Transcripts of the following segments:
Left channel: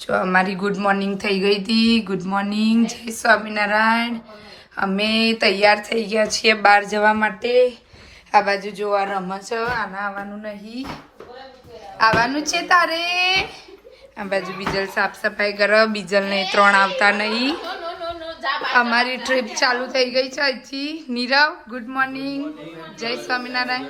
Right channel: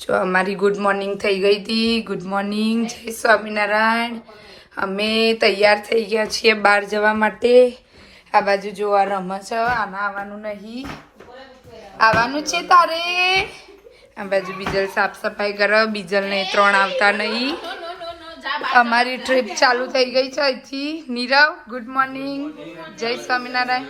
જો અમારી good morning થઈ ગઈ હતી. ગુડ મોર્નિંગ, જય સ્વામિનારાયણ. અમે તૈયાર થઈ ગયા છીએ બહાર જવા માટે. આ બાજુ જોવા રમત છે, આના આવવાનું નહીં. આવવાનું છે તારે. આ બાજુ બીજલ સાફ સફાઈ કરો. બીજલને 3 આવતા નહીં. અમારી ટ્રીપ ચાલુ થઈ ગઈ છે અહીંથી. નીરવ ગુડ મોર્નિંગ, જય સ્વામિનારાયણ.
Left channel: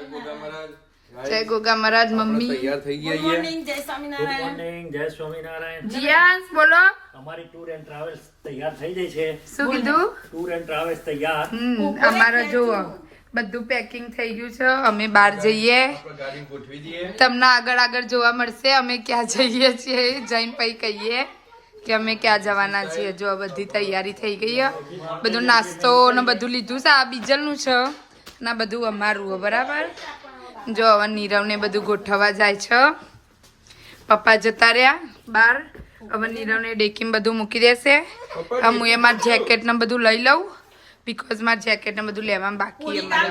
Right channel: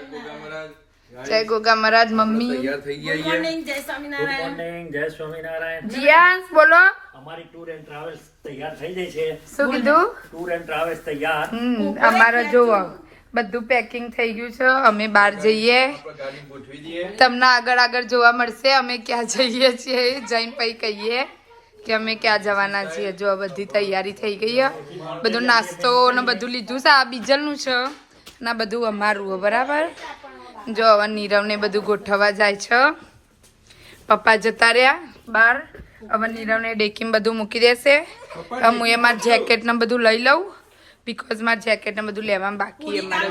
જય ગોગા મહારાજ. મમ્મી તૈયાર થઈ ગયા. ગુડ મોર્નિંગ, જય સ્વામિનારાયણ. ગુડ મોર્નિંગ, જય સ્વામિનારાયણ. જીયાંશ બોલો. અમારી ટૂર એન્ડ ટ્રાવેલ્સ તૈયાર થઈ ગઈ છે. શું કીધું? ટૂર એન્ડ ટ્રાવેલ્સ તૈયાર. અમારે જોવો બધું પેકિંગ થઈ ગયું છે. અમે બહાર જઈએ, ગાડી ગોઠવી દઈએ. તમને આગળ જોવા મળશે અમે ક્યાં જઈએ છીએ. જઈને પછી કહીએ કે અમે ક્યાં જવાના છીએ. જો બધી તૈયારી થઈ ગઈ. બધું નાસ્તો ને બધું લીધું છે. આ બીજલનું છે ને બધું અમારું બરાબર. જો હવે નીરવને બધું ગોઠવવા જાય છે. પપ્પા જતા રહ્યા બહાર. હવે નીરવને ડેકીમાં બધું મૂકી દેશે. હું એ મારું જેકેટ ને બધું લઈ લઉં, બીકોઝ મારું જેકેટ ને બધું લેવામાં બાકી અમારે.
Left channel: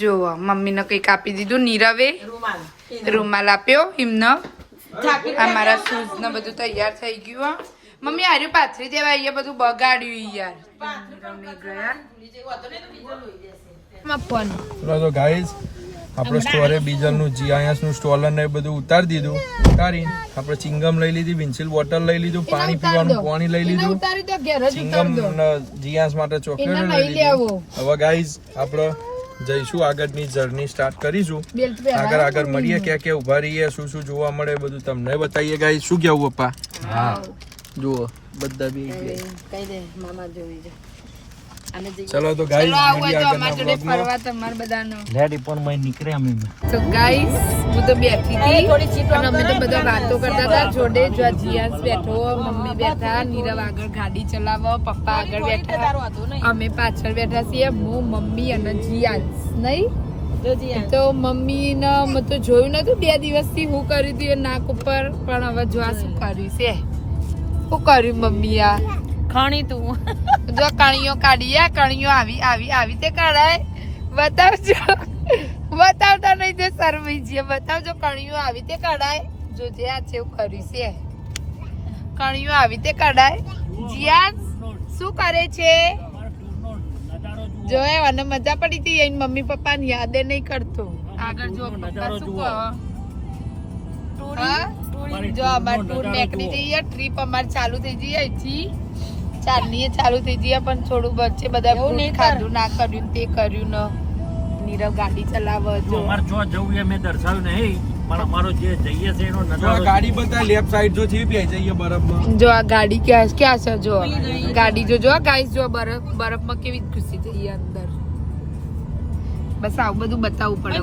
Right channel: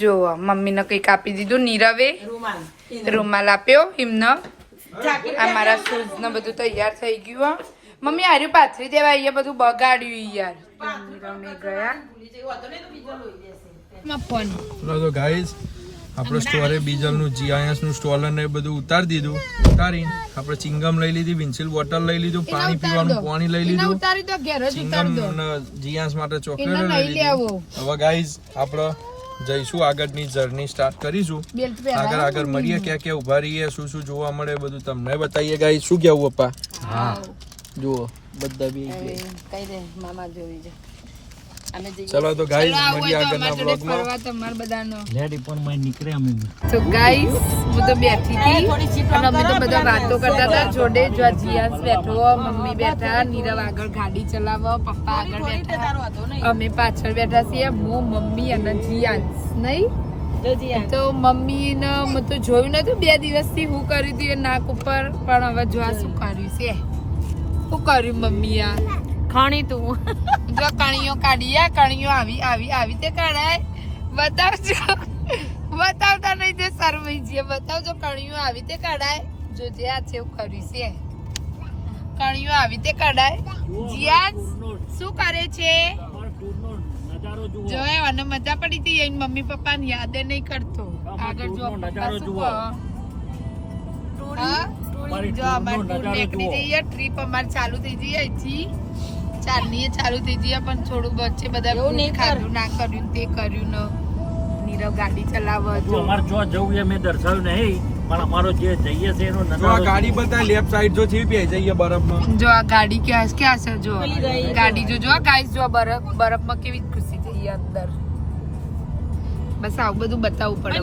જો મમ્મીને કંઈક આપી દીધું. નીરવે રૂમાલ આપ્યો એમને. આ મારા શૂઝ ને બધું તૈયાર થઈ ગયું. મમ્મી હાર્યું પાથરી દેવા. અહીંયા બધું બગાડ્યું યાર. નીરવને ગયા તો ગાઈઝ આપણે સ્ટોરે બીજલનું જીઆઈએસનું સ્ટોલર ને બધું ઉતારી દીધું. ઉતારીને આપણે ચિંગમ લઈ લીધી, વિન્સિલ બોટલ લઈ લીધું, પાણી પીવાનું પાણી લઈ લીધું, ચિંગમ જીઆઈએસ માટે ચોકલેટ લઈ લીધી. હવે ગાઈઝ આપણે જઈશું, આગળની જર્ની સ્ટાર્ટ કરીશું. આગળ મળીએ, ક્યાં ક્યાં ઉભા રહીએ, શું શું જોવા મળે બધું તમને બતાવીએ. ગાઈઝ શું કેવું પપ્પા? હા જુઓ બધા બી ચલો તો ગાઈસ મળીએ આગળના બ્લોગમાં. તમાર બધાનો લેડી પણ મય નીકળે અમે. તો ગાઈસ હું તો બેઠી હતી અને અમે તો બધા વાતો કરતા હતા જોડે. જો જીયાસ બેઠો, મમ્મી બેઠા, નીરવ આગળ ગાડી ચલાવો, પપ્પા આગળ બેઠા, અમે પાછળ બેઠા છીએ. હું, મમ્મી અને જીયાસ. નહીં તો મમ્મી ને મેં તો જોયું નતું 2 દિવસથી હું કર્યું હતું એ નાક ઉપર. પણ હવે જો શું કર્યું છે. શું કર્યું મમ્મી? આ ખાણી તું જો કણીઓ કાઢીએ. કણીઓ આવી તે કાઢાય. બતાવજો. બતાવતા નહીં તે શરમાઈ છે. બતાવજો કણીઓ આવી તે કાઢાય. જો જે આ છે એવું કર્યું છે. કણીઓ આવી તે કાઢાય. જીયાસ શું કરે છે? જો અને મજા પડી હતી. એની મમ્મી પપ્પા ને યાદ નહીં કરતો. આગળ જો પપ્પા શું કહો? જો અમાર ટૂર નીકળી જઈએ. ટ્રીપ અમારી ચાલુ થઈ જઈએ. અહીંથી 4ની ચાલુ થઈ જઈએ. પણ થોડું વચ્ચે બધા ખાધું ના કર્યું તે કર્યું ને. નીરવ ગાડી ચલાવે. જો અમાર જો જવું એ મેં દર્શાવ્યું નહીં, પણ અમારો જે જઈએ છે એનો જો નજારો ગાડી બતાય લેફ્ટ સાઈડ જો થી બે જઈએ બરફમાં. જો આ ગાડી ક્યાં છે? જો ગાડી જો ગાઈસ જો બરફમાં કેવી ખુશી થઈ અંદર. બસ આવું બધું બતાવવું પડે.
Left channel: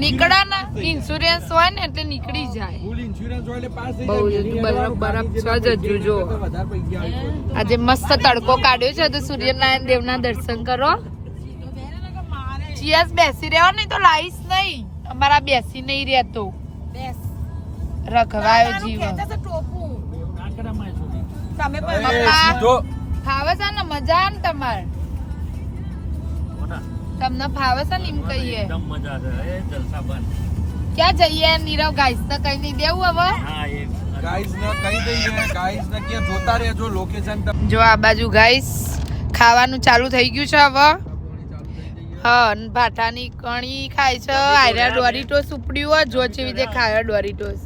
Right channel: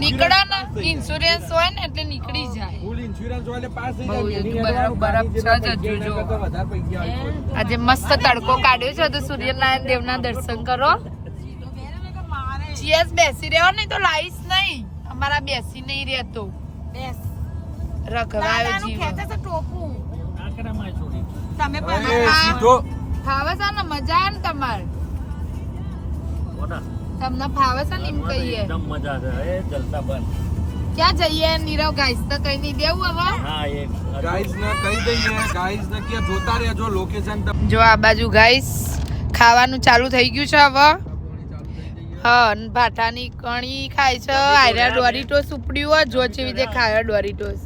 નીકળા ના ઇન્સ્યોરન્સ હોય ને એટલે નીકળી જાય. ફૂલ ઇન્સ્યોરન્સ હોય એટલે પાસ થઈ બહુ જાય. બરફ છે જ હજુ. જો વધારે પૈસા આવે. આજે મસ્ત તડકો કાઢ્યો છે તો સૂર્યનારાયણ દેવના દર્શન કરો. જીયાસ બેસી રહ્યો ને તો લાઈસ નહીં. અમારા બેસી નહીં રહેતો. રખવાયો જીવ. તમે એ સીધો ફાવે છે ને? મજા આવે ને તમારે? તમને ફાવે છે ને? એમ કહીએ એકદમ મજા છે. એ જલસા બંધ. ક્યાં જઈએ નીરવ? ગાઈસ તો કઈ નહીં દેવું હવે. હા એક ગાઈસ ને કહી દઈએ. ગાઈસ ને કે જોતા રહેજો લોકેશન. જો આ બાજુ ગાઈસ ખાવાનું ચાલુ થઈ ગયું છે હવે. હા ભાટાની કણી ખાય છે. આયરા ડોરીટોસ ઉપડ્યું હોય. જો જેવી રીતે ખાય ડોરીટોસ.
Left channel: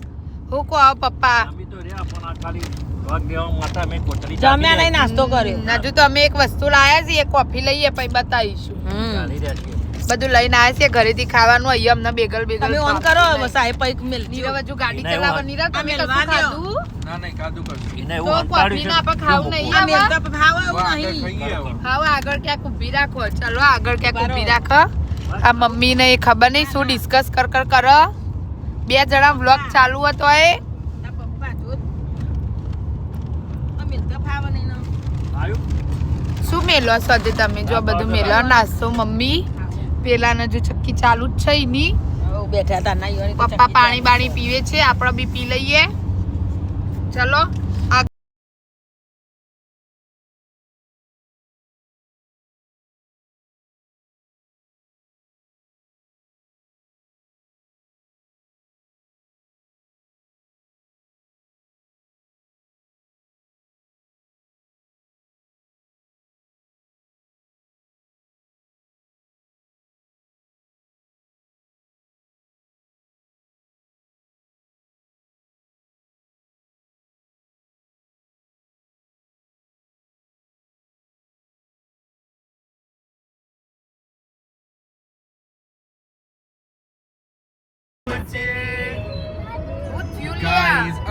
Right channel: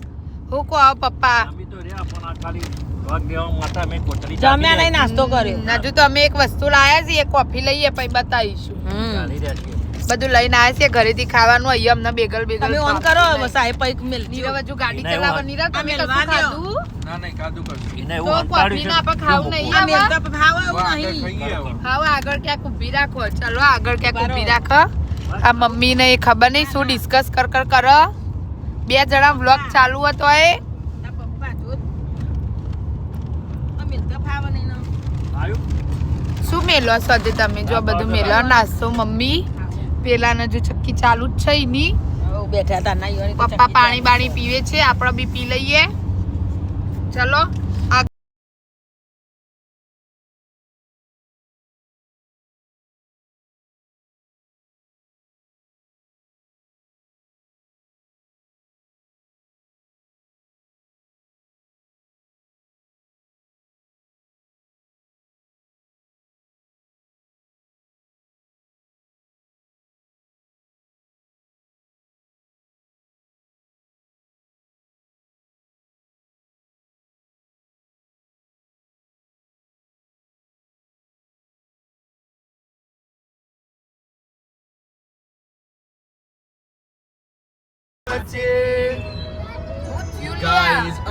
હું કહો પપ્પા? અમે તો રહ્યા પણ આ ખાલી ભાગ દેવા માટે મેં કોથળી જમ્યા નહીં, નાસ્તો કર્યો. હજુ તો અમે એક વસ્તુ લાયા છીએ. કોફી લઈએ પછી બતાવીશું. ચાલી રહ્યા છીએ. બધું લઈને આવ્યા છીએ ઘરેથી ખાવાનું. અહીંયા અમને બેગલ તમે ઓન કરો સાહેબ પૈક મિલ. નીરવ હજુ ગાડી નહીં, ચલાવવા. ઓન. નીરવ તમે અમે કશું લવા દ્યો. ખાધું? ના નહીં કાદુ કરજો. એને તો એવું કોફી ના આપણે ખાવું નહીં આ મિલ આવે. તો ભાવ એવું આગળ નહીં. ખાઈએ હવે. ખાવ આગળ ક્યાંક ઊભી રાખો. ચલો આગળ ક્યાંક ઊભી રાખો. આ મમ્મી ને ખબર નહીં શું ડિસ્કસ કરો. 2 જણા વ્લોગ ચાલુ હતો એ. પપ્પા જો આ મિલ તો ભાવ નહીં ના. આવ્યું શું મેલો સાથે તમે? જો બધું મેલો નાસ્તો. મમ્મી પેલા ને જો ચક્કી ચાલુ જ છે એની. બેઠા હતા ના. પપ્પા પાણી બાણી પીવે છે. આપણે બી પી લઈએ. ચલો.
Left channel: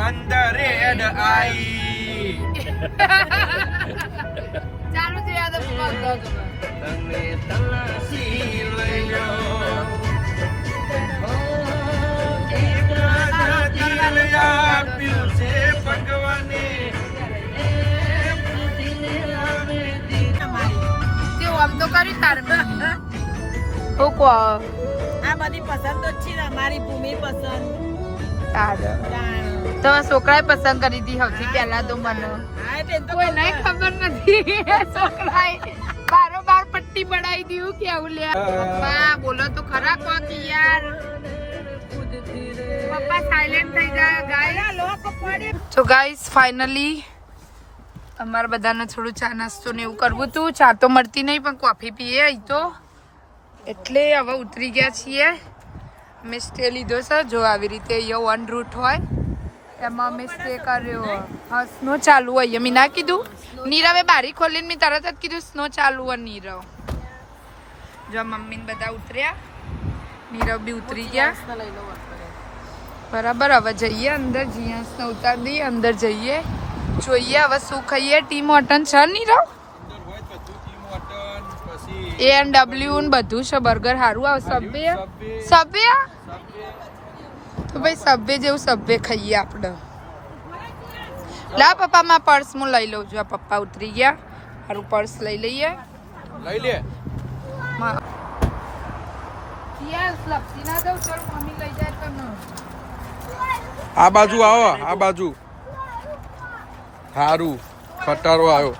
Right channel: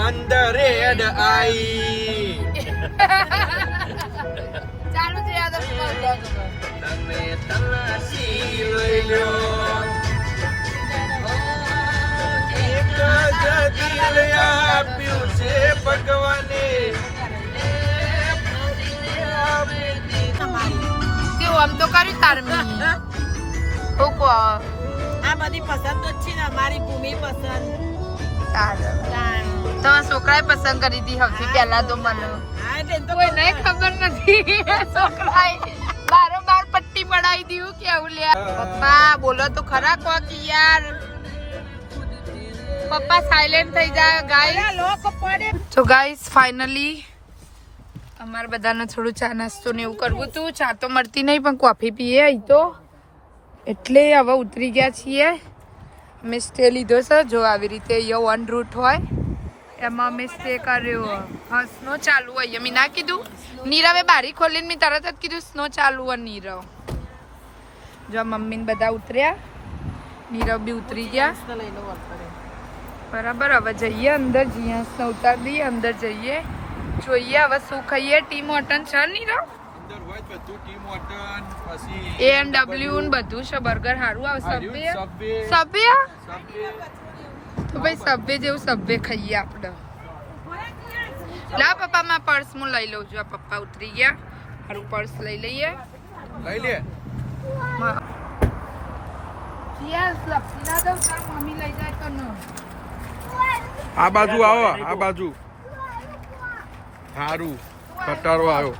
અંદર રેડ આઈ ચાલુ છે યાદ તમે તલાશી લઈ લો આપ્યું છે ભગવાને કેવું આમ તો કર્યું તાર હું કહો આ બધી પસંદ જ છે ને અમારી ભૂમિ પસંદ સારું તમારા છોકરાએ પસંદ કરી હતી સૌથી પહેલા તો મને કોઈ નહીં ખબર નથી છોકરાએ બારોબાર પટ્ટી બનાવી દીધું કેવું લે પપ્પા બોલો તો ખરા કોક યાર પપ્પા સાયલેન્ટ થઈ જાય ગાઈસ તો ગાઈસ ફાઇનલી અમારા બધાને થોડું ચા નાસ્તો ને એવું કરવું હતું ચા તો મળતી નહીં પણ કોફી પીએ અહીં તો એટલે હવે ઉતરી ગયા છીએ અમે સ્ટે લીધો છે જો આવી રીતે અહીંયા વન રૂટ હોય એમાં અમે સ્ટે કર્યો હા સ્નો ચાલુ હોય મેં ના કીધું નીરવે બારી ખોલીને મેં તરત જ કીધું સ્નો ચાલુ હોય નીરવ જો મમ્મી ને બધા ઉતર્યા નીરવ બી ઉતરી ગયા બરાબર હવે જઈએ અંદર જીયાસને ઉતાર દઈએ અંદર જઈએ જોઈએ હવે શું ખાઈએ ટીમ હોટન છે નીરવ A&W ને બધું છે બર્ગર સારું આવે સબવે તો ભાઈ સબવે જેવું સબવે ખાઈએ આપણે લા પપ્પા માં પર્સ હું લઈ લઉં છું પપ્પા ઉતરી ગયા સારું પર્સ લઈ લઈએ લઈ લે મમ્મી લઈ જાય તો આ બાજુ આવો આ બાજુ સારું ખટારો આવ્યો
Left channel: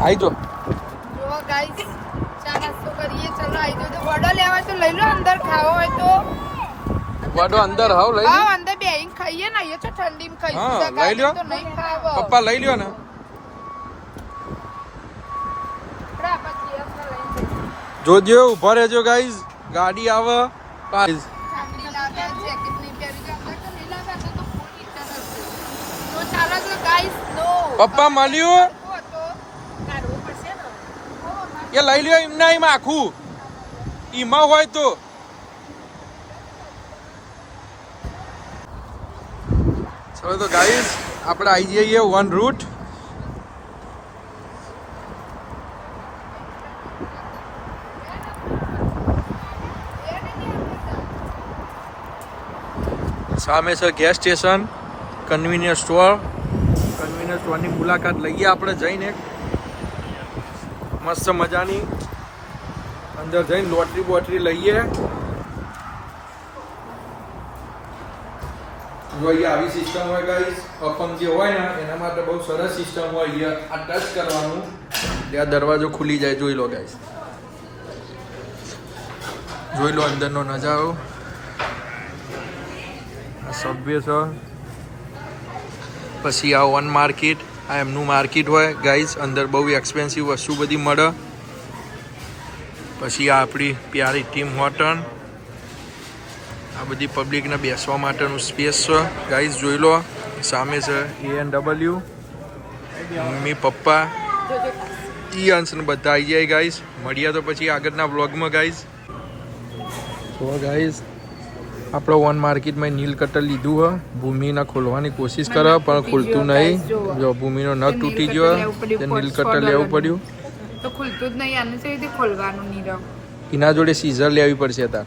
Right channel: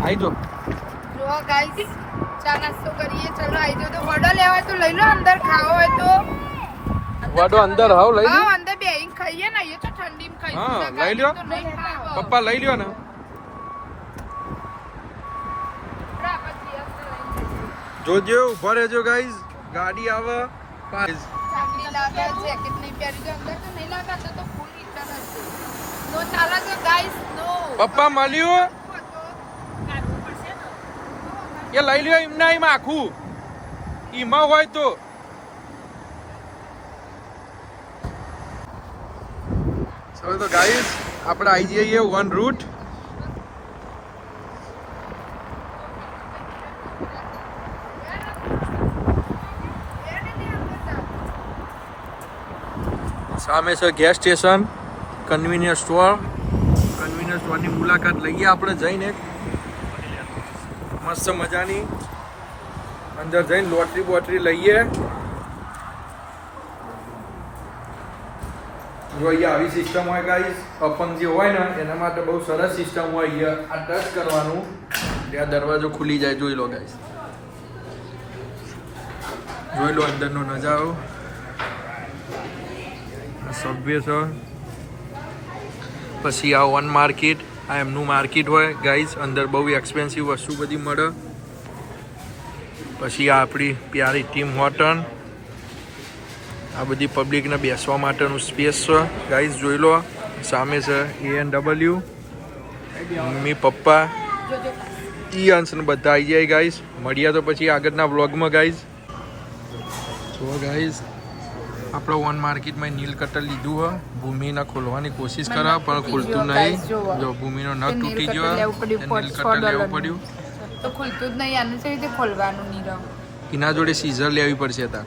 આઈ જો જો ગાઈસ ચા નાસ્તો કરીએ ચલો આઈ જો તો વડો લેવા તો લઈ લો અંદર ખાવો હોય તો વડો અંદર હાવ લઈ લ્યો હા અંદર બેહીને ખાઈએ ને અહીંયા તો ઠંડીમાં ખાઈએ હા લઈ લ્યો પપ્પા લઈ લ્યો ને જોજો ઉભા રહેજો ગાઈઝ ગાડી આવે ગાઈઝ ઠંડી લાગે જેકેટ નહીં પહેરી દે અંદર તો નહીં લાગે તો ફૂલ હીટર હશે તો ચાલો છે ગાઈસ નો પપ્પા મળ્યું એ લઈ લ્યો એમના એમ આખું એમાં હોય તો ચલો તો ગાઈઝ આપણે આવી જઈએ વન રૂટ સામે છે ગેસ સ્ટેશન કન્વીનિયન્સ સ્ટોરની મુલાકાત લઈએ આપણે જઈને મસ્ત મજાની અંદર જઈને લોટરી બોટરી લઈએ જો અહીંયા આવી સિસ્ટમ હોય ગાઈસ અપંગ જે હોય ને એના માટે બહુ સરસ સિસ્ટમ હોય અહીંયા આ ટચ કરવાનું ત્યાં દરવાજો ખુલી જાય જોઈ લો ગાઈસ જોઈ લો અંદરનો નજારો સબવે છે પછી આ વન માર્કેટ આ એમનું માર્કેટ હોય ગાઈઝ અંદર બહુ એક્સપેન્સિવ વસ્તુ બધી મળે પછી આ આપણી પ્યારી ટીમ હોટલ આ બધી પબ્લિકને બેસવા માટેનું સ્પેસ છે ગાઈઝ જોઈ લો સામે છે A&W મમ્મી પપ્પા અંશ ને બધા આવી જાય ગાઈઝ મળ્યા તો પછી આગળના વ્લોગમાં ગાઈઝ જો ગાઈઝ આપણો વન માર્કેટમાં નીલ કટર લીધું હોય ભૂમિને ખોલવાની કોશિશ કરે પણ ખુલતું નહીં જો ભૂમિનો નખ તૂટી ગયો તે નીલ કટર લેવું પડ્યું તો ખુલતું જ નહીં આનું છે ખોલવાનું નીરવ એના જોડે સીઝર લેવી પડશે તાર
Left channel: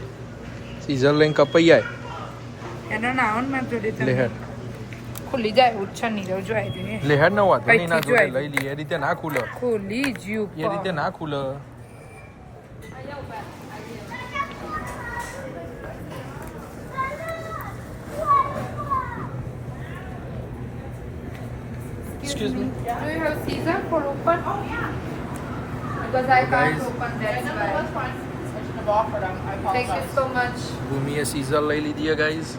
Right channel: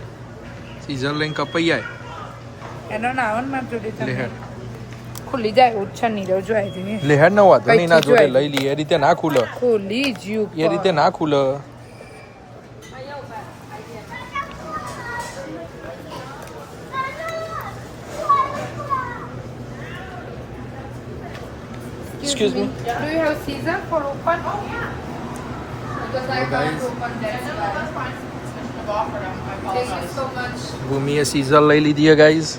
સીઝર લઈને કપાઈ જાય એનો નાવન માં જોડે લેહેડ ખુલી જાય ઓછા નીરવ જોઈ દે લેહેડ ન હોત એના જોડે લઈ લઈએ એ રીતે ના ખુલે ખુલી જ્યુ એ રીતે ના ખુલે Excuse me. Do you have scissor for open? Because I can't open that's why. Thank you so much. ભૂમિએ સીઝર લઈ લીધી હે ગાઈઝ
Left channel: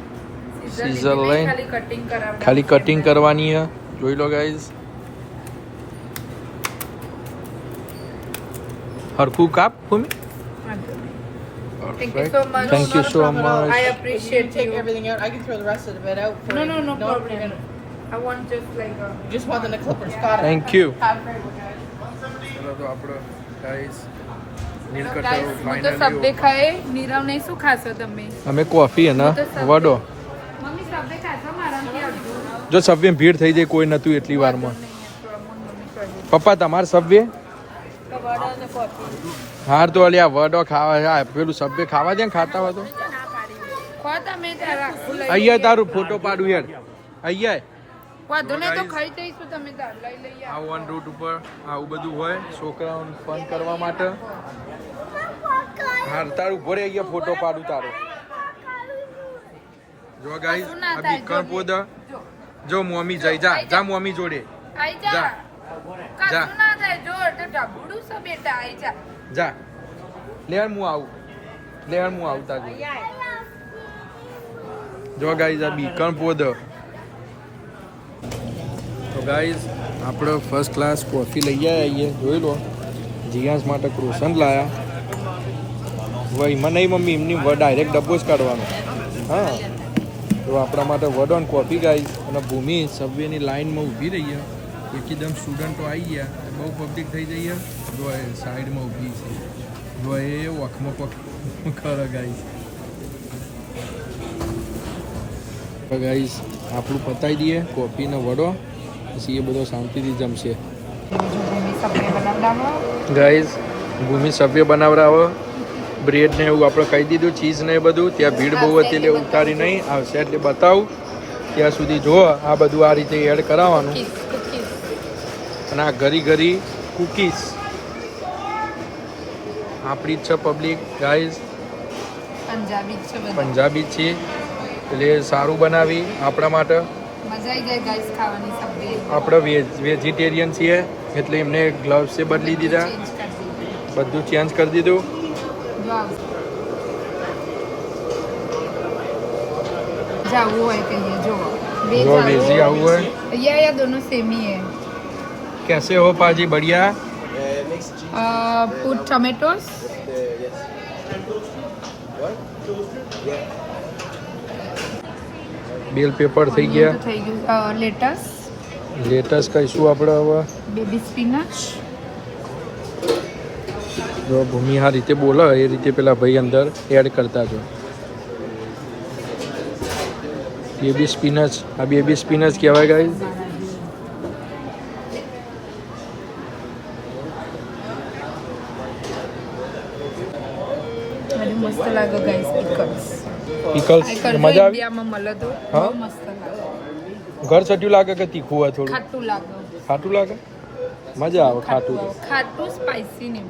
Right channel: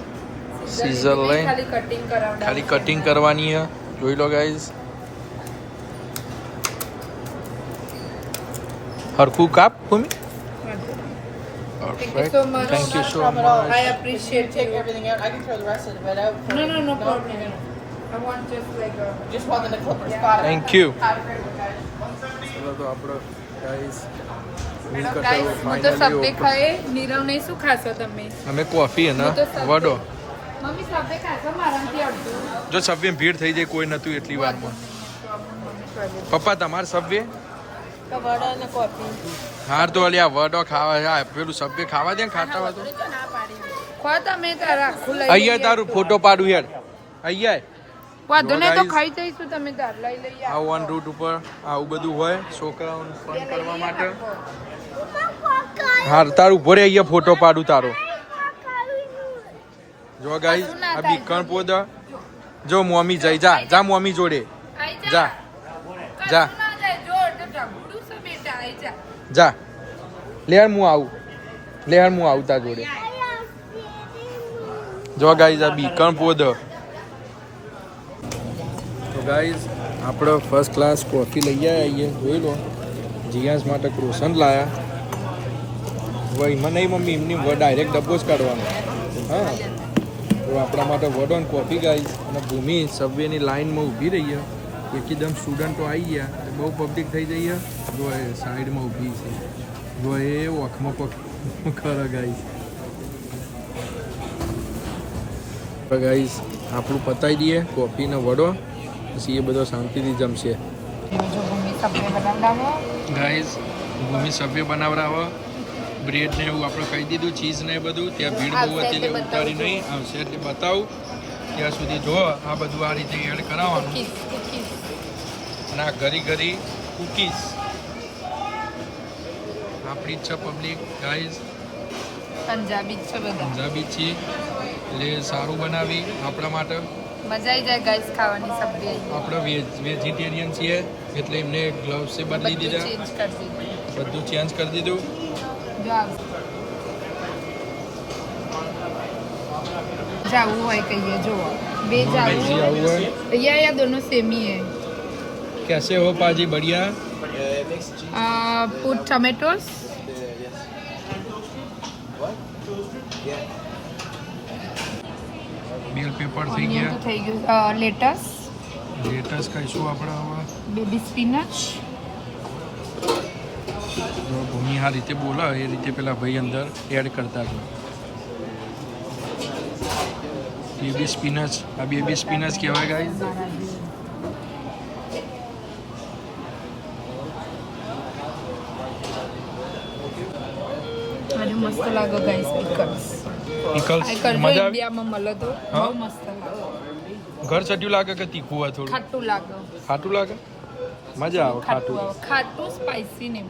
સીઝર લઈને ખાલી કટિંગ કરાવડા ખાલી કટિંગ કરવાની હે જોઈ લો ગાઈઝ હરખું કાપ ભૂમિ Thank you so much. Thank you so much. I appreciate Take you. everything out. I can throw the rest of the bed out. For No problem. I want just like a... Just want the clippers. Got it. Thank you ચલો તો આપણો guys મિલ Guys, cutter હું તો સબ્બે ખાઈ નીરવ નહીં શું ખાશો તમે અમે કોફી અને વડો મમ્મી સબવે ખાશો મારામાંથી અડધું જો સબવે ભીડ થઈ જાય કોઈ નતું એટલી વારમાં. પપ્પા તમારે સબવે હાર તો અલી આ વડો ખાવા પેલું સબવે ખાવા દે ને ખાતા હોય તો તમે અહીંયા તારું ફોટો પાડું યાર અહીંયા વાંધો નહીં તો ખાઈ જઈશું તમે તાર લઈ લઈએ આ ઓન રૂટ ઉપર આવું બધું હોય છોકરાઓને ફન કરવા માટે. હા તારું ઉભો રે અહીંયા ફોટો પાડું તારો. જો ગાઈસ આ બીકણ પોદ જો મમ્મી જઈ જા જા મમ્મી જોડે જા જા જા લેહાર હું આવું તાર જોડે. જો ગાઈસ આ બીકણ પોદ. તો ગાઈસ આપણે ફર્સ્ટ ક્લાસ કોફી લઈ આવીએ જોઈ લો. જીયાસ માટે ક્રોસન્ટ લાયા. એમાં નહીં મમ્મી એમની ડાયરેક્ટ ડબ્બો જ કાઢવાનો. હા તો આપણા માટે વડ ઓન કોફી ગાઈસ. અને ભૂમિ સબવેની લાઈનમાં ઊભી રહી છે. એકદમ સ્ટુડન્ટો આવી ગયા બહુ પબ્લિક થઈ જઈએ. જો એ સાઈડમાં ઊભી છે જો એ વખમાં ખરો ગાઈસ. ગાઈસ આપણું પતાવી દઈએ કોફી ને વડો પછી એ બધો શાંતિથી જમશે. ગાઈસ ભૂમિ સભ્ય બનાવરાવો બ્રેડ ને એવું આપણે કહી દીધું ચીઝ ને એ બધું. ત્યાં ભીડ બહુ હતી એટલે ઉતારી નહીં આવશે એટલે બતાવું ત્યાં સુધી જો આ બધું આ રીતે એડ કરાવવાનું. અને આ ઘરી ઘરી કુકીઝ આપણી જ છે પબ્લિક ગાઈસ પંજાબી છે એટલે સારું બનાવી આપણા માટે. મજા આવી જાય ગાઈસ ખાવાની સબ્જી. આપણે વેજીટેરિયન છીએ એટલે એમને ગ્લવ્સ એ બદલી દીધા બધું ચેન્જ કરી દીધું. जाऊ है कहिए जो वेजी आऊ है भैया या दोनों सेम ही है. कैसे हो पाजी बढ़िया. पुट टमेटोस બેલ પેપર થઈ ગયા. લેટસ કહીશું આપણે હવે. બેબી સ્પિનચ જો ભૂમિ આ રીતે બોલે એ રીતે પેલા ભાઈ અંદર એડ કરતા જો. બેબી સ્પિનચ આ બેબી સ્પિનચ કહેવાય ગાઈ. મસ્ત લાગે ગાઈસ પિકલ્સ મજા આવી. મળે તો હા ઘર સટ્યું લાગે કે તીખું હોય થોડું ખાટું લાગે. ખાટું લાગે મજા આવે ખાટું. ખાટું સ્પાઈસી ને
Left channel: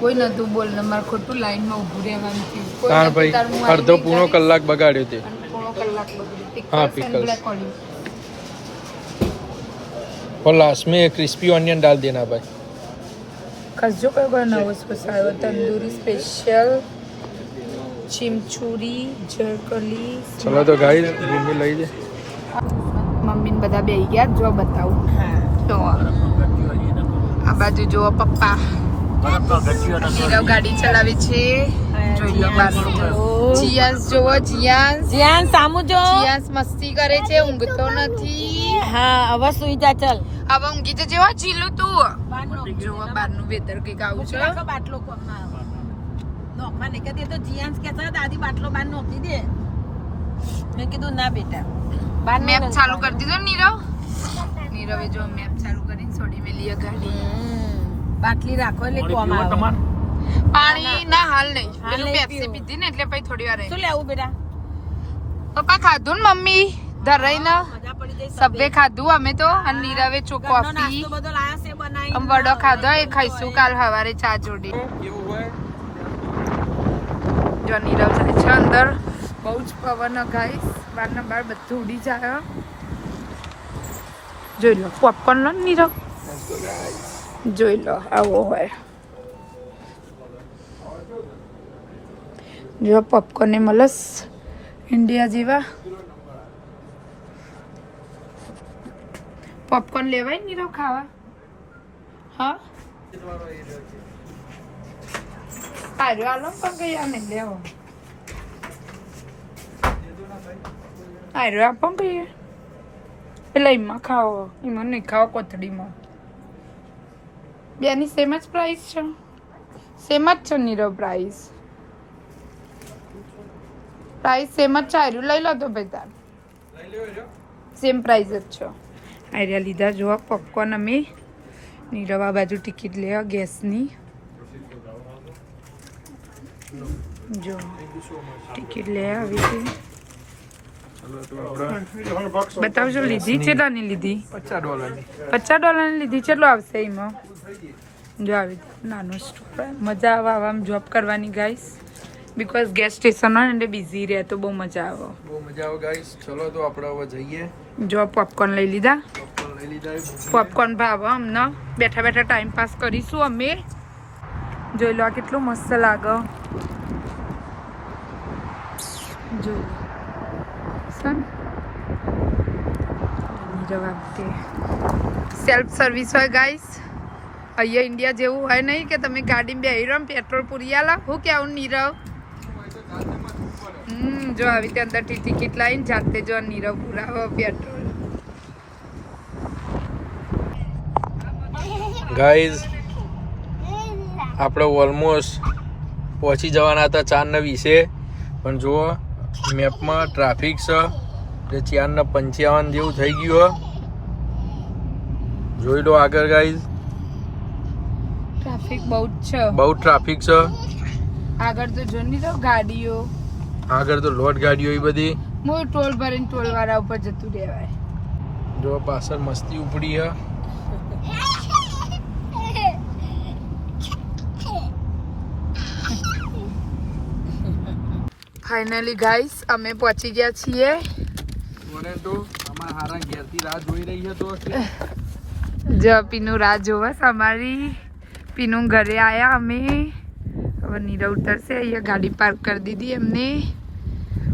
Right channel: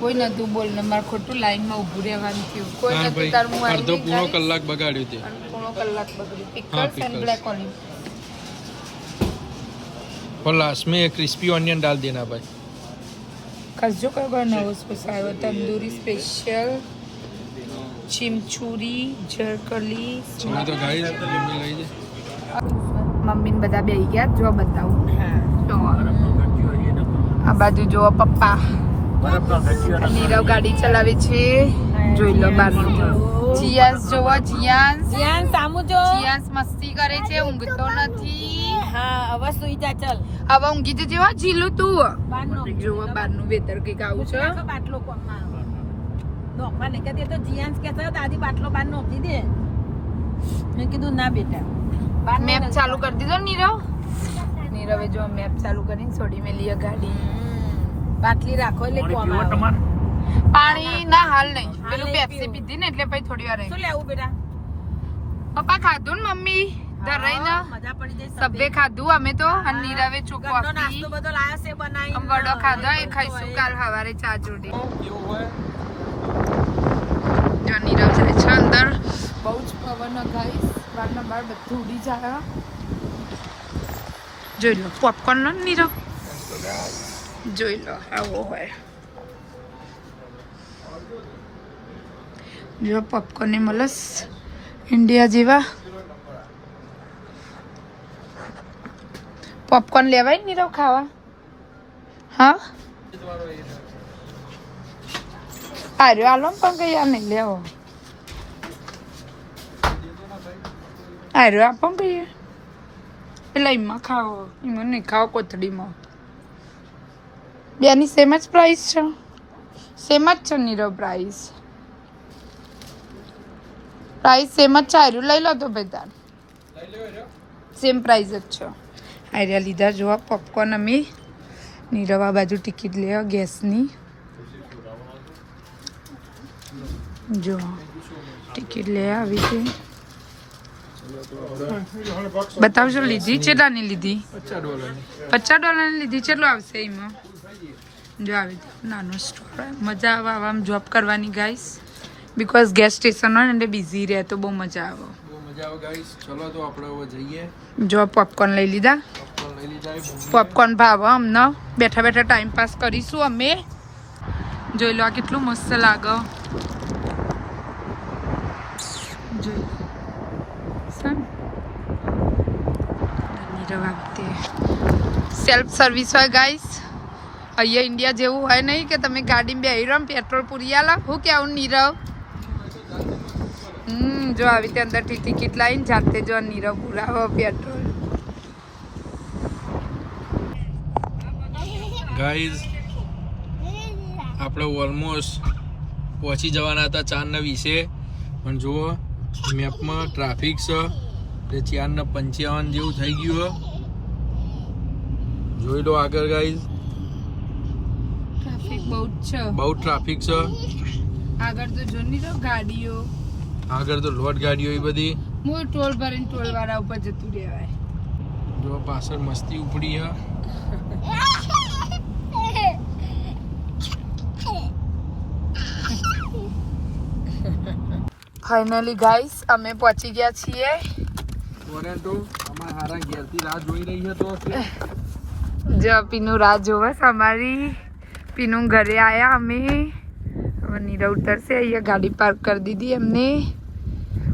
કોઈ નતું બોલ ને મારે ખોટું લાઈનમાં ઊભું રહેવાનું થયું. તાર ભાઈ અડધો પૂર્ણો કલાક બગાડ્યો તે. પૂર્ણો કલાક બગડી. હા पिकल्स और लास्ट में क्रिस्पी ऑनियन डाल देना भाई. खजो का बनाओ स्पेशल तंदूरी स्पेशल चिमचूरी जरकली. चलो तो गाइस भूमि લઈ લે. મમ્મી ને બધા બેહી ગયા જો બતાવું તો આ બાજુ જો પપ્પા નીરવ ગાડી ચલાવે છે જોઈ લો બાજુ. જીયાસ જોવો જીયાસ જ્યાં સામુ જો જીયાસ મસ્તી કરે છે ઊંઘતો નથી. હા હવે સુઈ જા ચાલ. હવે ઊંઘી તો જેવા જીલું તું જોવો બહારનું વેતર કઈક આવું છે. બાટલો કોમાં નો મને કે તે તો જીયાન્સ કે છે દાદી બાટલો બાર નોખી દે. મેં કીધું ના બેટા મેપ ચાલુ કરી દીધો નીરવ. નીરવે જો મેપ ચાલુ કરીને છોડી મેલી ગાડી. બાટલી રાખો એટલે પાણી પીવો કોમાં તમારે પાણી ના હાલ નહીં પેલું પેપ્સી પીધી ને એટલે પછી થોડી વાર શું રહી. લેવું બેટા પપ્પા ખાધું ને મમ્મી ધરાઈને મજા પડી જાય. સબે ખાધું અમે તો અને નીરવે ઘરનો કોફી નાસ્તો બધો લાયા છે બનાવી. આમ વડો ખાધો એ ખાઈશું કાલ સવારે ચા જોડી. જો નીરવ જાય છે અંદર. બહુ જ પવન ગાઈસ બારના બાર બધું ઉડી જાય. જોઈ લો પોપકોર્ન લો ને નીરવ જોઈ લો આવો હોય. જો પોપકોર્ન એ મળસ ઇન્ડિયા જેવા. પોપકોર્ન લેવાય નીરવ ખાવા. હા આર્યો આલો પણ કઈ આ નહીં લેવો. આર્યો આપો કહીએ એટલે એમાં ખાવો એમાં નહીં ખાવો કોથળીમાં. બેની સેમ જ પ્રાઇસ છે. સેમ જ છે નીરવ પ્રાઇસ. પ્રાઇસ સેમ જ છે આર્યું લઈ લો તો ભાઈ તાર સેમ પ્રાઇસ જ છે આર્યા લીધા જોવા પોપકોર્ન અમે નીરવ આ બાજુ ટિકિટ લે ગેસની જો ટિકિટ લે આવી છે બતાવજો લીધી કેટલાની લીધી $50 લીધી કેટલો આવશે એમાં જો આવી નાનો સ્ટોર મજા આવે આવામાં જોબ કરવાની ગાઈસ બીકોઝ ગેસ સ્ટેશન હોય ને એટલે બિઝી રહે તો બહુ મજા આવે ગાઈસ ચલો તો આપણે હવે જઈએ જો પોપકોર્ન લઈ લીધા પોપકોર્ન ભાવે અમને બેઠા બેઠા ટાઈમ પાસ કરીશું અમે જોઈ લો આ કેટલું મસ્ત લાગે જોઈ લો સેલ્ફ સર્વિસ હોય ગાઈસ અહીંયા ઇન્ડિયા જેવું હોય નહીં કે તમે ગાડીમાં બેહી રહો પેટ્રોલ પૂરી આલા હું કેવું નીરવ જો આવી રીતે અંદરથી ટિકિટ લાવીને જાતે જો નીરવ પુરાવો પેટ્રોલ ગાઈઝ આપણે ઓલમોસ્ટ પહોંચી જવાના હતા 4:20 પણ જુઓ મેપમાં ટ્રાફિક છે એટલે 4:55 જેવું થઈ ગયું જોઈ લો આગળ ગાઈઝ ટ્રાફિક બહુ જ છે બહુ ટ્રાફિક છે આગળ તો જો નહીં ગાડીઓ આગળ તો લોડ ગાડીઓ એ બધી હું ટોલ ભરીને ટોલ વાળા ઉપર જતું રહેવાય જો પાછળ મસ્તી ઉપડી છે ફાઇનલી ગાઈસ અમે પહોંચી ગયા છીએ ટોરેન્ટો અમારા હારા ઘેરથી રાહ જોઈ રહી છે તો જો પીનું રાહ જોવસ અમારી પીનું ઘરે આયા અમે હવે નીરવ ઉતરશે અહીંયા ગાડી પાર્ક કરી દીધી એમને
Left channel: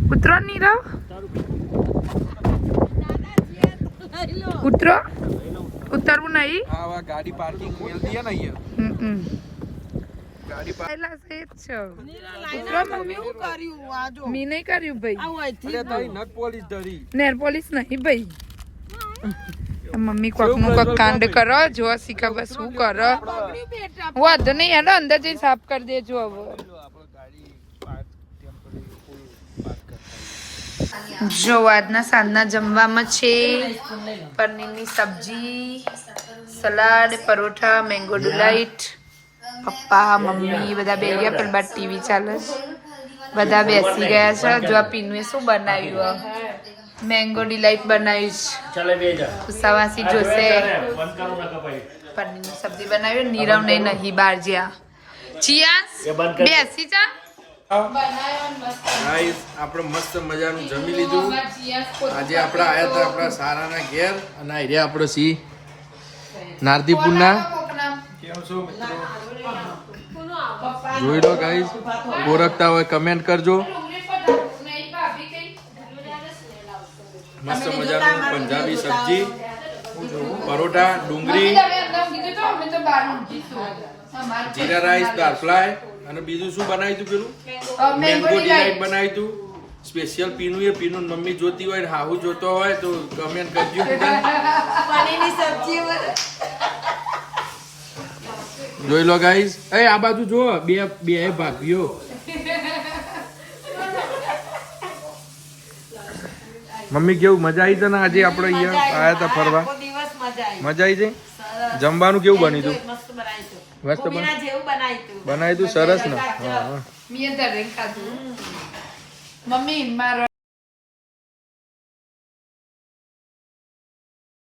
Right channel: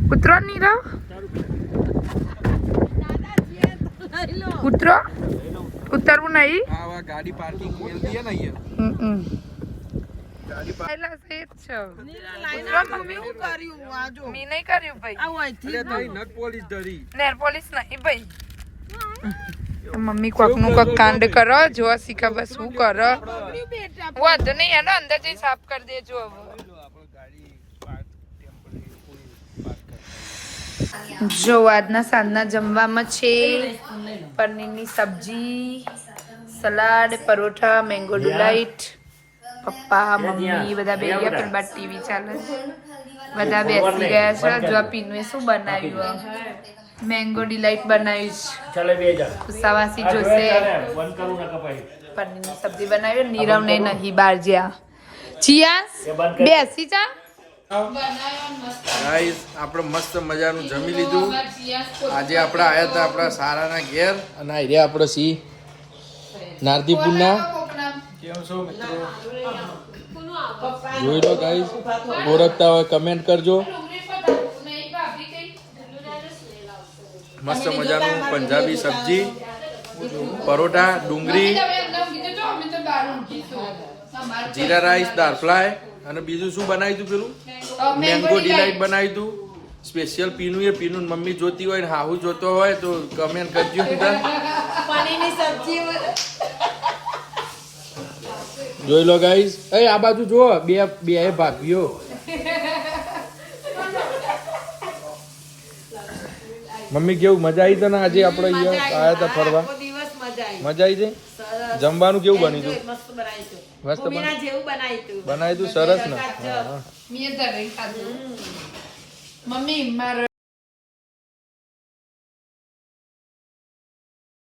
ઉતરો નીરવ ઉતરો ઉતરવું નહીં આ ગાડી પાર્કિંગ મેલ દીએ ને અહીંયા ગાડી પહેલા સે જ છે કર્યું આ જો મી નહીં કર્યું ભાઈ આવું અહીંથી એટલે તઈ નટ પોલીસ ધરી નેર પોલીસ નહીં ભાઈ મમ્મી કોકનું કોક કાંડ કરો જો શીખા બસ શું કરો વાંધો નહીં હેડો અંદર જઈ સાફ કરી દેજો હવે જો આજના સાંજના જમવામાં છે પનીરની સબ્જી સલાડ પરોઠા મેંગો ડિલાઇટ પપ્પા મમ્મી બધા બેસી ગયા પેલા બાદ ટીવી ચાલે છે બધા બેસી ગયા છે જો આ પીનુએ શું બનાવ્યું મેંગો ડિલાઇટ બનાવ્યું છે સવાસી જોશે પનીરની સબ્જી બનાવી નીરવ ને નહીં બહાર જ્યાં ચિયાસ બેસી જા ગાઈસ આપણે મસ્ત મજાનું જમી લીધું આજે આપણે આયા હતા આપણા સારાના ઘેર અને અહીંયા આપણે સી નારદીપુરના કેમ છો મિત્રો જોઈ લો ગાઈસ ઓળખતા હોય કમેન્ટ કરજો મસ્ત મજાનું પંજાબી સબ્જી પરોઠા ડુંગળી જીરા રાઈસ દાળ ફ્રાય અને બીજું શું બનાવ્યું તું પેલું મેંગો ડિલાઇટ બનાવ્યું તું સ્પેશિયલ પીનું એ પીનું મમ્મી જોતી હોય ને હાહુ જોતો હોય તો કમેન્ટ કરજો પનીરની સબ્જી જોઈ લો ગાઈસ એ આ બાજુ જો બે ભાભીઓ મમ્મી કેવું મજા આવી તને આજે આપણે અહીંયા આયા હતા ફરવા દિવસ મજા આવી મજા આવી જઈ જમવાનું કેવું બન્યું તું મસ્ત બનાવ્યું મસ્ત જેવું બનાવ્યું બનાવ્યું તું સરસ ને મીએ દરેક ખાધું મમ્મી મારો